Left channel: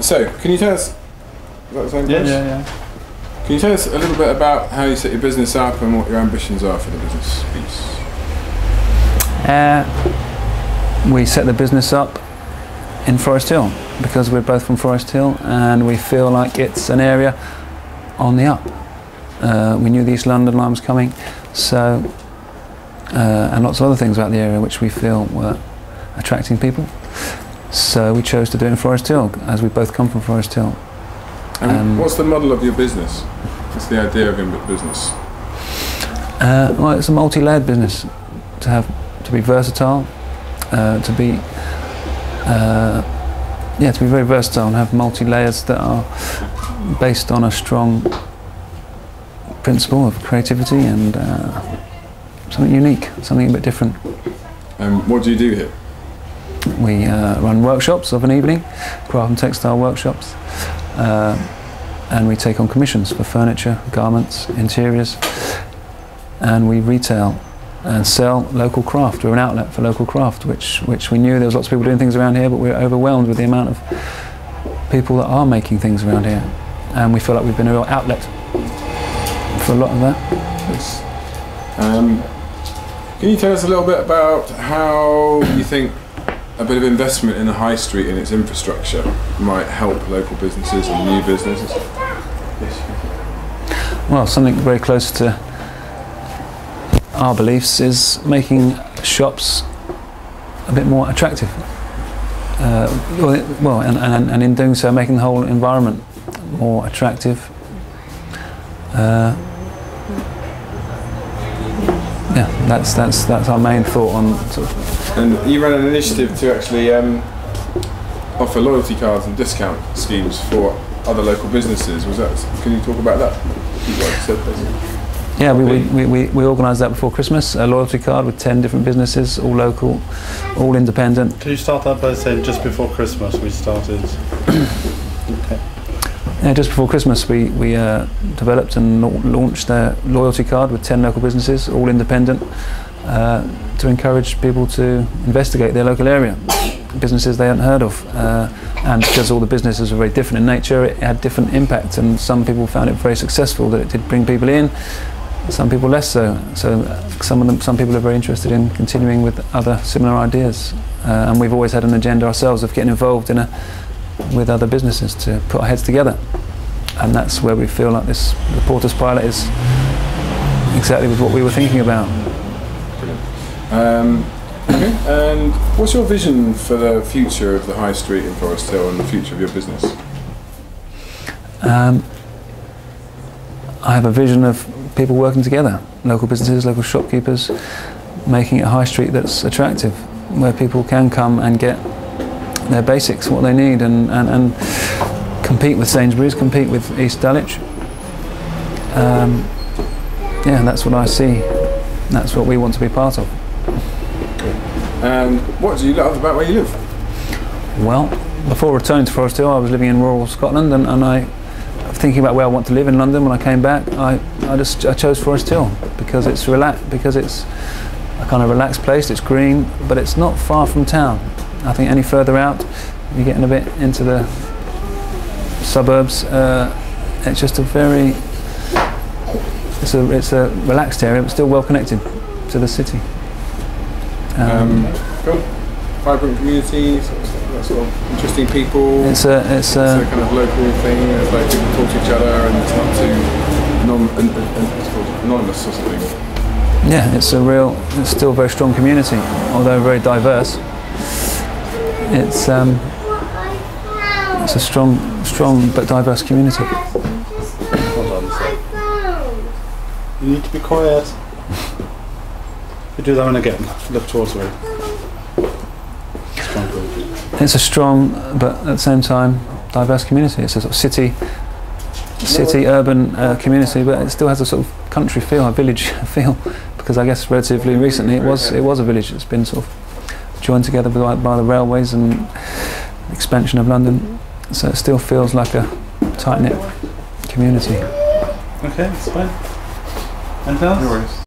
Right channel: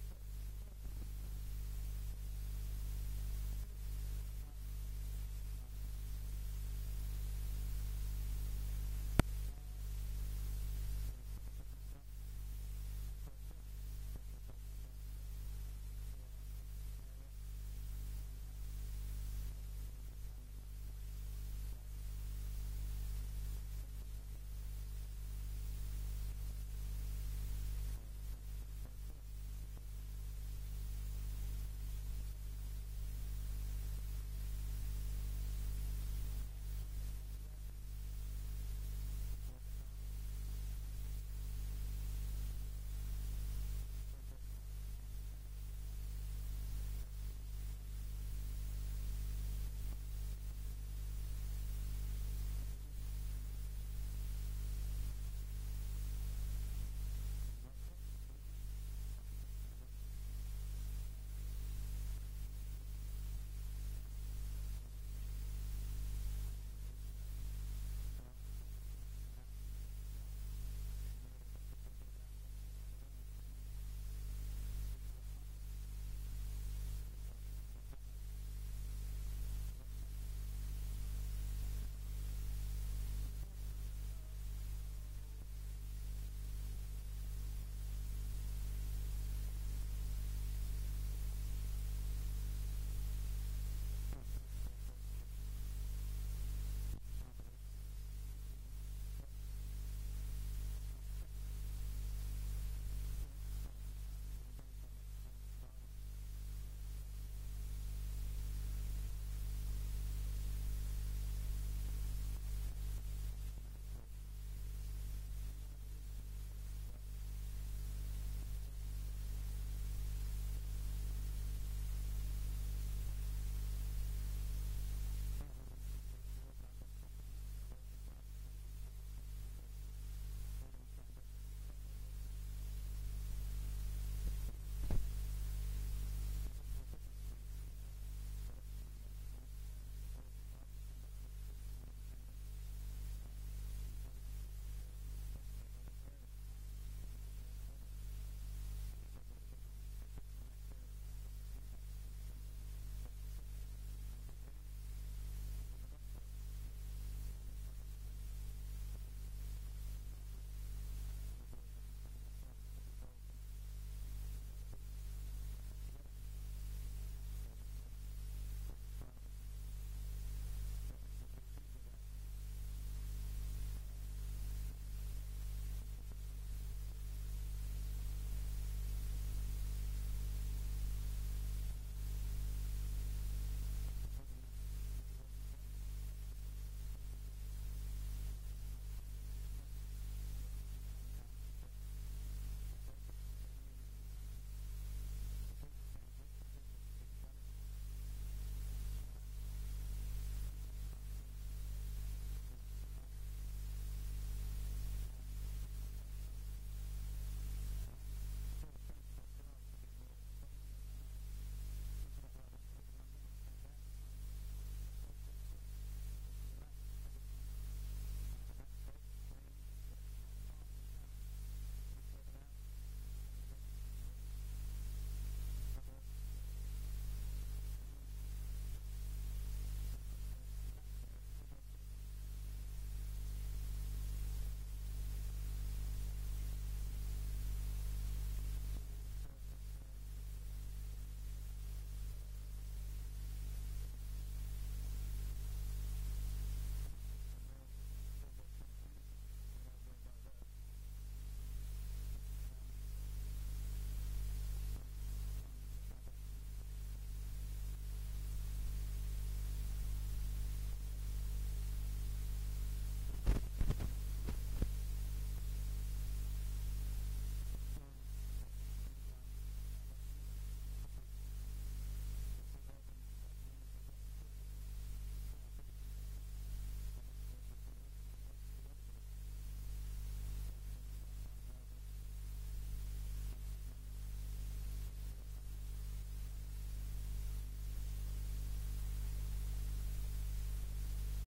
So, can you tell us? Is that the same place? Yeah. Can you tell us a little bit about how you set your business up and what your ambitions are for the business piece? We set the business up in Forest Hill because we're both from Forest Hill and we feel like it's an area on the up. We knew the East London line was coming, so and lots of other things about the area which we feel were attracting people. So we chose to do it in Forest Hill, as we both come from Forest Hill. And what's the model of your business? What's the idea of your business? Well, it's a multi-layered business. To be versatile, to be very versatile and have multi-layers that are based on a strong principle of creativity and something unique, something a bit different. What do you do here? We run workshops of an evening, craft and textile workshops, and we take on commissions for furniture, garments, interiors, and we retail and sell local craft. We're an outlet for local craft, which we knew there was lots of people doing things around here, but we're overwhelmed with the amount of people that are making things around here, and we feel like we've been a real outlet for a lot of that. Can you tell us a little bit about how you think a bit of investment in the high street and its infrastructure might help local businesses and new businesses? Yes. Well, something very close to our beliefs is making shops a bit more attractive. And in doing so, making the whole environment more attractive. Yeah, that's our main thought on sort of. And you ran an initiative to actually offer loyalty cards and discount schemes for other local businesses. Can you talk about that? Yeah, we organised that before Christmas, a loyalty card with 10 different businesses, all local, all independent. Can you start that by saying just before Christmas we started? Okay. Yeah, just before Christmas we developed and launched a loyalty card with 10 local businesses, all independent, to encourage people to investigate their local area, businesses they hadn't heard of. And because all the businesses were very different in nature, it had different impact, and some people found it very successful, that it did bring people in, some people less so. So some people are very interested in continuing with other similar ideas. And we've always had an agenda ourselves of getting involved with other businesses to put our heads together. And that's where we feel like the Porter's Pilot is exactly with what we were thinking about. Brilliant. Okay. And what's your vision for the future of the High Street in Forest Hill and the future of your business? I have a vision of people working together, local businesses, local shopkeepers, making it a high street that's attractive, where people can come and get their basics, what they need, and compete with Sainsbury's, compete with East Dulwich. Yeah, that's what I see. That's what we want to be part of. And what do you love about where you live? Well, before returning to Forest Hill, I was living in rural Scotland, and I thinking about where I want to live in London. When I came back, I chose Forest Hill because it's a kind of relaxed place. It's green, but it's not far from town. I think any further out, you're getting a bit into the suburbs. It's just it's a relaxed area, but still well connected to the city. Cool. Vibrant community, sort of interesting people. It's a kind of local thing. It's like people talk to each other, and it's not too it's called anonymous or something. Yeah, it's still a very strong community, although very diverse. It's a strong but diverse community. Hold on a sec. You need to be quiet. You do that one again. Look towards me. It's a strong, but at the same time, diverse community. It's a sort of city urban community, but it still has a sort of country feel, a village feel, because I guess relatively recently it was a village. It's been sort of joined together by the railways and expansion of London, so it still feels like a tight-knit community. Okay, that's fine. Anything else? No worries.